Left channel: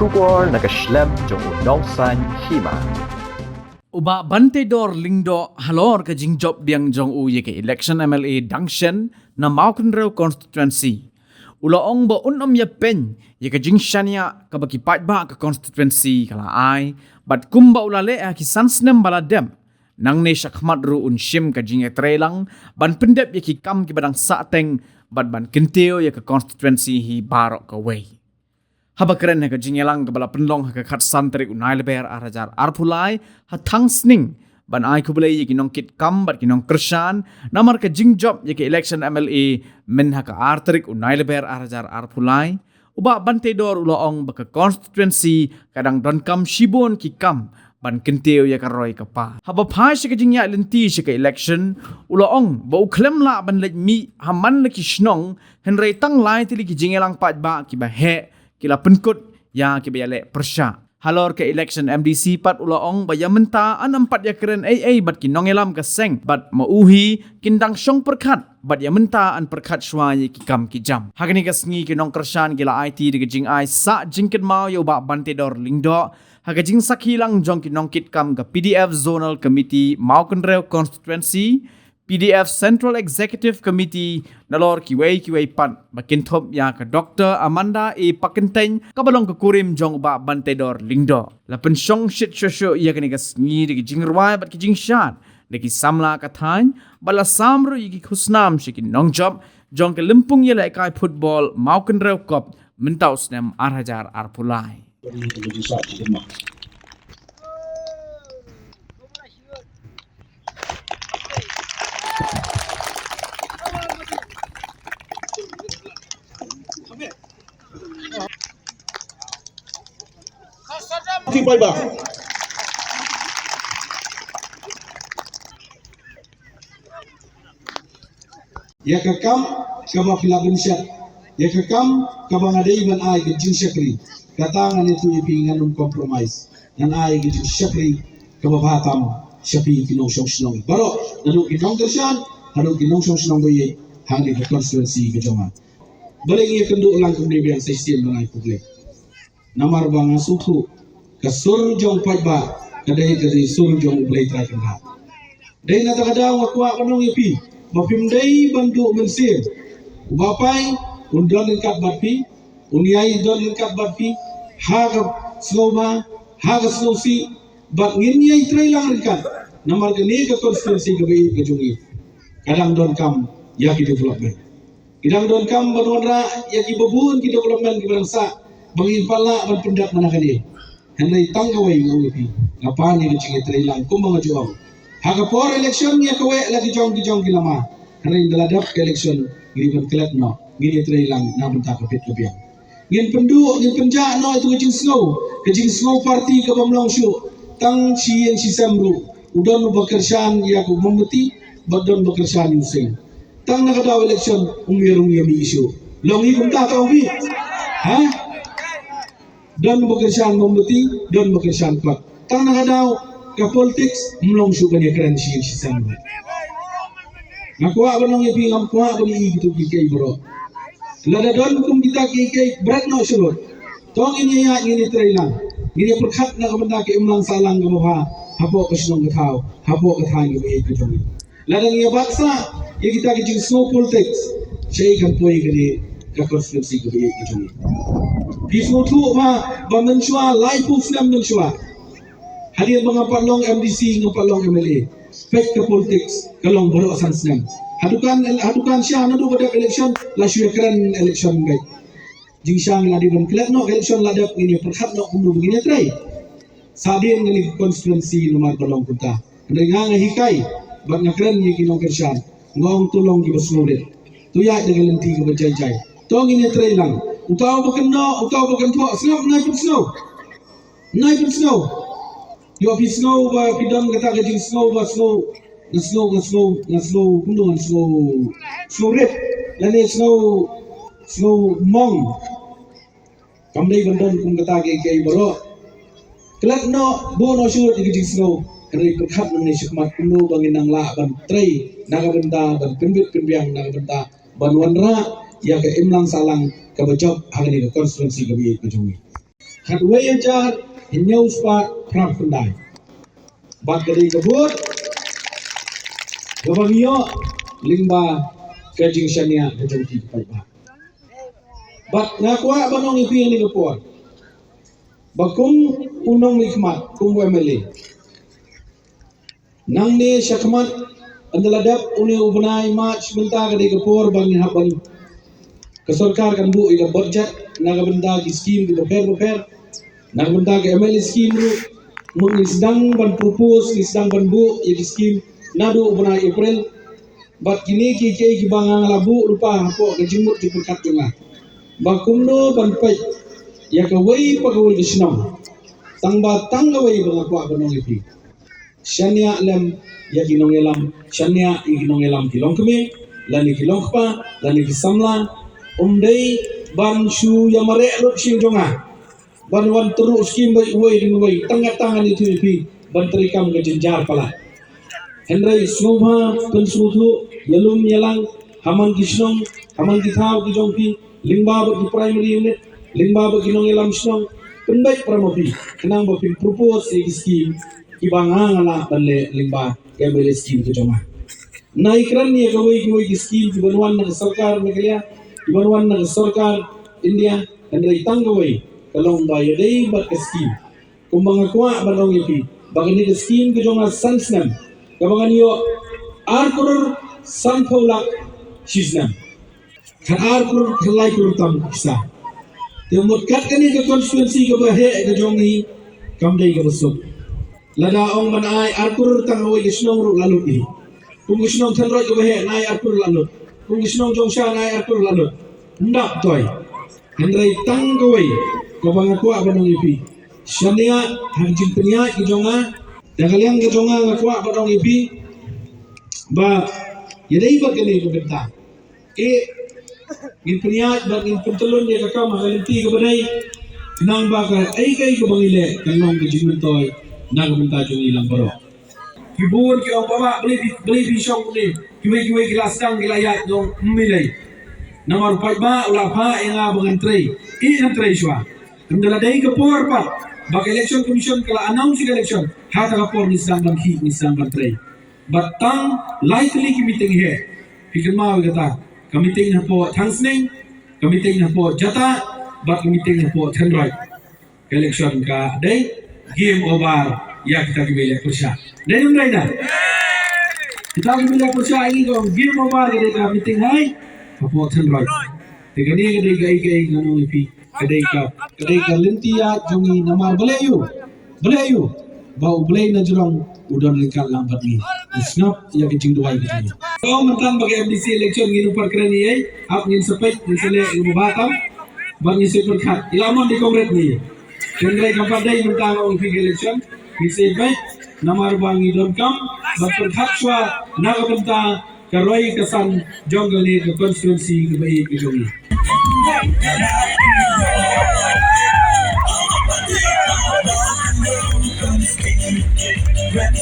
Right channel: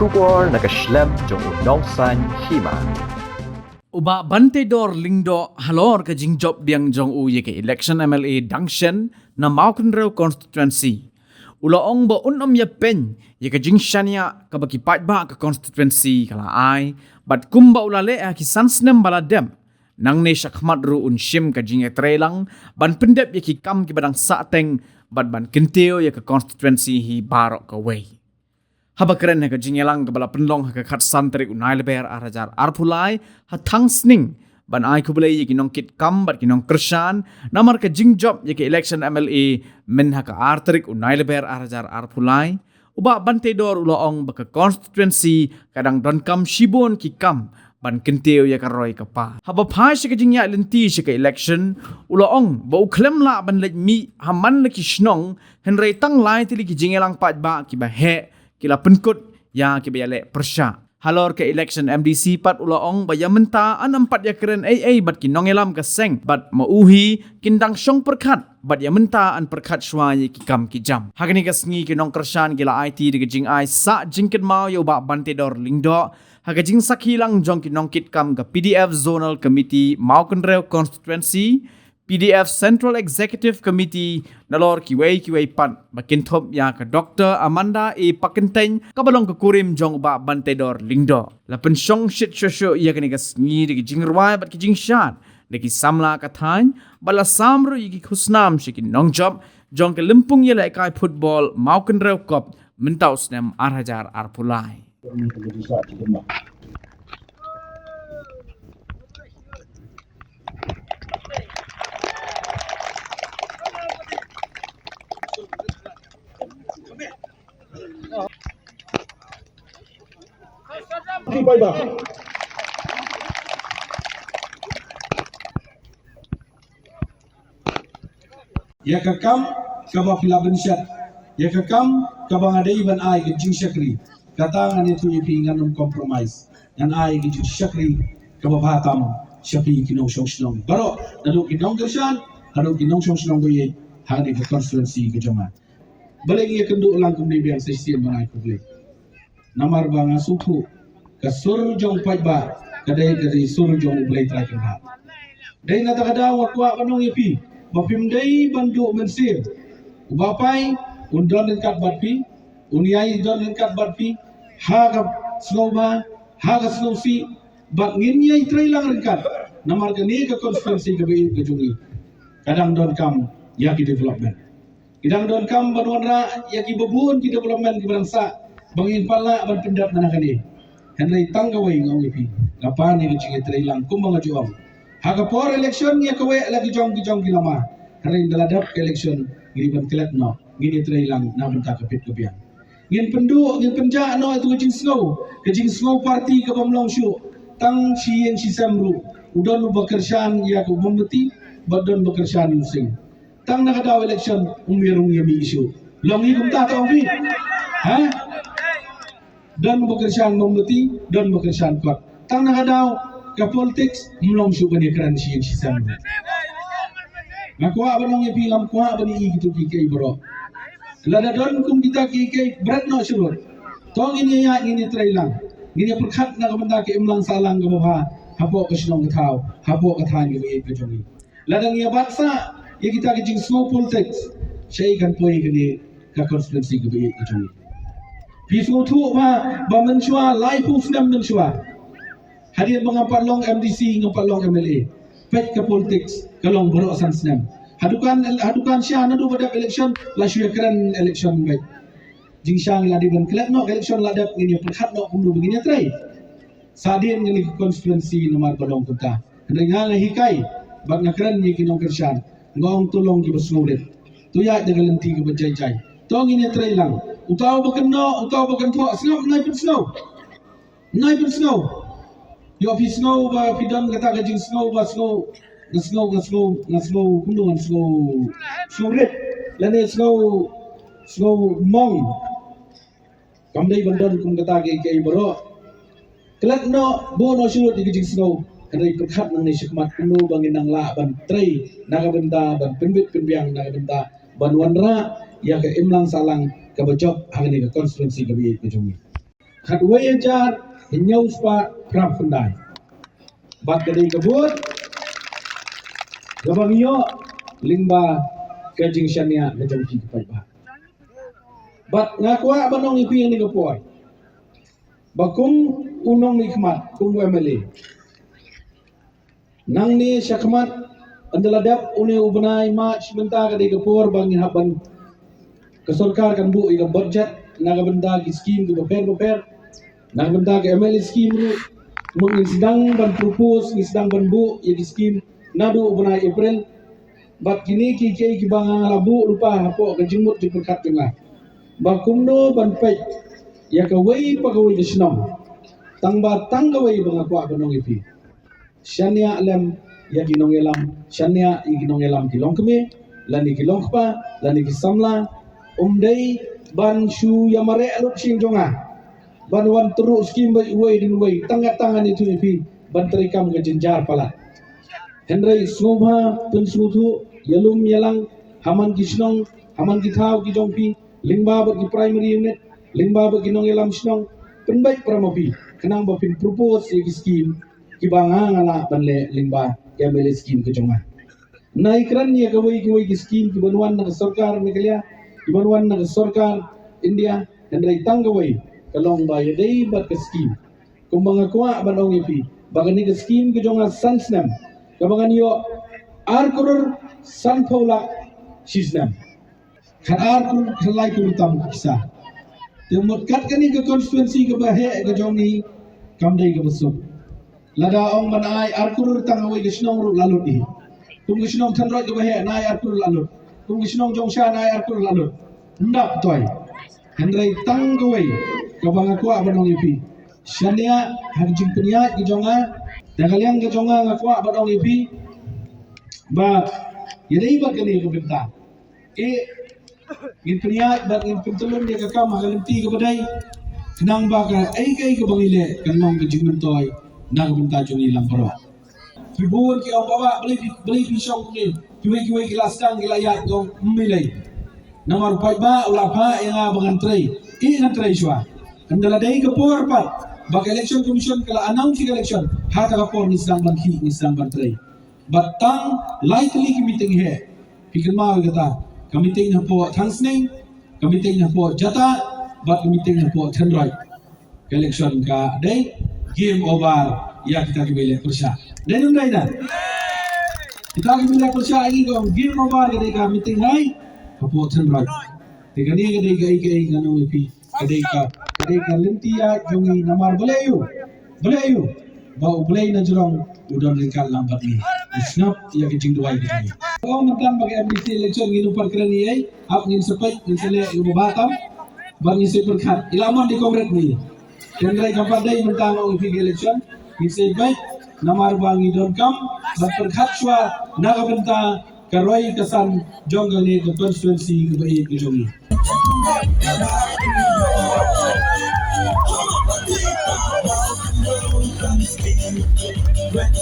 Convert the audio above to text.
Shubor nakaslem jong unongsan hima. Uba bante dor lingdo halor ka jingjob diang jong u ye ke election MLA Dangshan na Maukenrew constituency. Ulaong ba unom ya pen ye ka jingshania ka baki ba ka constituency kala ai bat kumba ulale a ki sansnem baladem nang ne shakmat ru unshim ka jing etrelang ban pendep ye ki kam ki badang sateng bat ban kenteo ye ka constituency hi barok ka way. Haba keren ka jingelang ka bala penlong ka khat santrik unai leber arajar arpulai ha thangsning ban ai kubulai ye kinong kit kam bat kinong kershan namar ka jingjob ye ke election MLA men ha ka artrik unai leber arajar arpulai uba bante dor uloong ba ka constituency kadang don kam shibon ki kam ban kenteo ye ka roy ka pa haba phai se ka jingya lenti se ka election uloong ba uklem la ban lek mi haman leki shnong henrei tang lai tili ki jingelang pat ba ki ba he kila penkut ya kibayale persya halor ke election MDC pat ulaong bayamenta an empat ya keren AA bat kinongelam ka seng bat mauhi kindang syong perkat bat yamenta an perkat shwai ki kam ki jam hagni ka sngi kinong kershan gila IT de jing ai sa jingket mau yo ba bante dor lingdo haga jing sakhilang jong kinong kit kam ka PDF zonal committee Maukenrew constituency PDF Central Executive Committee nalor kiway pat bakin top ya ka Dr. Amanda E. Pakenteng kabalong kukurim jong ba bantedor lingdo. Lapen syong shit shosho iya kani ka sngi di jingrwai bat ki jingshat neki samla ka thain bala samro yiki khusnam shikin nong job jong ke limpung ye lai kai football Maukenrew Cup mentau snem arhajar arpulai. Kipai ba? Ya kakam kaba filaban syat. Ya kakam kaba ngadai ban ai ke jing syakri. Katangan itu ipi nganum compromise. Ngan ai ke jing syakri kaba batam syapi kinong syong syong. Baro naluk kinong tersan, naluk kinong syong syong boye hari ke konstituensi ke jamaah. Balik ia kendu ulang kemudian sistem bangai publik. Namar bang suku kasur jong pajba kadai dari sur jong play try kena dai na takada wakwa kanong yapi bapim dai bantu mensin ubapai undon lengkap batpi uniai don lengkap batpi haga snowma haga snowsi bat nginyai try lang lengkap namar kini ke konstituensi ke jungi kadang don kam yaki development kadang don kam banwara yaki babun ki development ki bangsa bangin pala ban pendat manakali henry tanggaway ngawipi kapan ni cing ilang kum mga juang haga por election niya kawe lagi jong gilama henry daladap election liban kelet no gini ilang namun tak kapit kabiang ngin pendu ngin penja no itu kejing snow party ka bamlong syu tang sien si samru udon bakershan ya ku membeti badon bakershan using tang nakadaw election umirong yami isu longi kum ta bi ha dan bekerjaan membeti dan bekerjaan kuat. Tang nakadaw ka politics mlong syu kani kran si san. Nakwa banong yapi ngam kwa bani gitu kay bro. Lada don kum kita kay berat no syurut. Tong ini ya ini trailang. Ini perkhat na kamanda ke imlang salang gawa hapo kaslong gataw, hapo kathan yu e kajongi. Lada ngiya baksa ya kita ke jing snow politics. Shay kan poy kani ka konstituensi gawa e kajongi. Bismu tu ba menshua life of them menshua. Hadir mengampak long MDC ngampak long MLA. Pek ke politics kalong baro asan senam. Hadukan siya nado pada election la syue keren election baik. Jing syang ladi ban kelet no election ladap ini perkhat no undu begini try. Sadin ni konstituensi nomor kalong kunta. Ndai nga hikai bag na keren ni kinong kersyan. Ngong tulong ki basngulit. Tuya dengan lenti ke berjai-jai. Tong ini try lang. Utaw bakan po, snow, naik pun snow. Yo pi snow ba pidon kata kajing snow ba snow, kundo snow red, lani snow mong. Kamday bandon kung kata kay balo. Kelat no bono syur di kajing snow, kaya perkhat nang ni syakmat kundo bangin nang laban tray, nakabenta ban penbiang nakabenta ban wanra ya ke imlang salang kabajob hari ini konstituensi kami itu Kat way ajar inyau spa prap pendai. Bat kadi kebut gabang iyo lingba kajing syania kajing ti pai ba. Bat ngakwa banong ipi ni kapor. Bakung unong nikmat kum MLA. Nang ni syakmat andaladap uni ubnai mak sebentar kadi kapor bangi haban kesorkar kan bu ila budget naga benda ki scheme ki boper naga benda ki MLA scheme ru mun sedang ban propose ni sedang ban bu ya ki scheme nadu ubnai April bat kini ki bangang labu lupa hapo ka jimut di berkat tunga bakum do ban pet ya ka wei pagawai ki sinong tangba tangawai bangakwa banong ipi syania lem ya ginong elam syania ginong elam kilong keme lani kilong pa lani kisamla umdai ban shu yamare lut sing jonga ban wan turu skim bai wei ding wei tangga tangan itu ipi ban terikam ke jenjar pala hendrai smobha pensutu yelum yelang haman kisnong haman kithaw ki jongpi lingba ba ki primary unit lingba ba ginong elam snong penbai pramapi kenang ba pin propose ki scheme ki banga ngala banle lingba MLA scheme ke jonga naikran ni ka wei ki scheme ki banwan na sarkar megaliya ki banwan na sarkar India hendrai tanggawai kalong bayo day bat ka scheme kung mga kuha banong ipi bagan ni ka scheme ka jonga sansnam kabangan yo arkurur sanpaulak sisnam kan arkurur kalay kurur tam kisa temut kat kani ka konstituensi ka bahe ka jongi kamday ka basok lada ong manay arkurur tangaway gisnong ru lalot i kung gisnong tanroy ka bahe nay arkurur lalot kung gisnong jongsya nay arkurur lalot ndak toy hendrai tanggaway kabang akwa banong ipi syania harjing penia ki jonga dagaliang ki jonga akwa banong ipi ba yadai ba kini benta ngin penia ba ngin pentulun dia ka kama kalenti ka badai nang baka ai kai ka bangile kanong ki jingmentoy nang benta jung ilang bro kibuon ki ong baba beli bisong ni kiwe kelas tang gilayat dong milai nomor 4 ba ulah pa yang abangan tray tray swa kendala day kapor pat bak election commission kala announce election hata kapor ni sedang bangki ni sedang bertray batang likely ki meeting he pikir mau kata meeting na po thangsning meeting na po jata bat meeting na po thendroid election ka day game over ya kita kibele kursa day nun na kita kibele kursa ini ko game over day ka meeting hai po thendroid tigani kai ngano ipi kadai ka lintia jongi namar belayu bau belai na jurong udon likat lambat ni snap ya kecing dua gitu kau mentan bagi MDC election nginu parkrani ai ap ngin sepet ngin sele ibu batam bagi seperkat ilaman di kongres ni kendai kapadai mentan ong fig election ngisi baik namar bangi don kam berkat swa naga benta karoi kesan jonggal ni ke konstituensi ke baik ke jongi Ready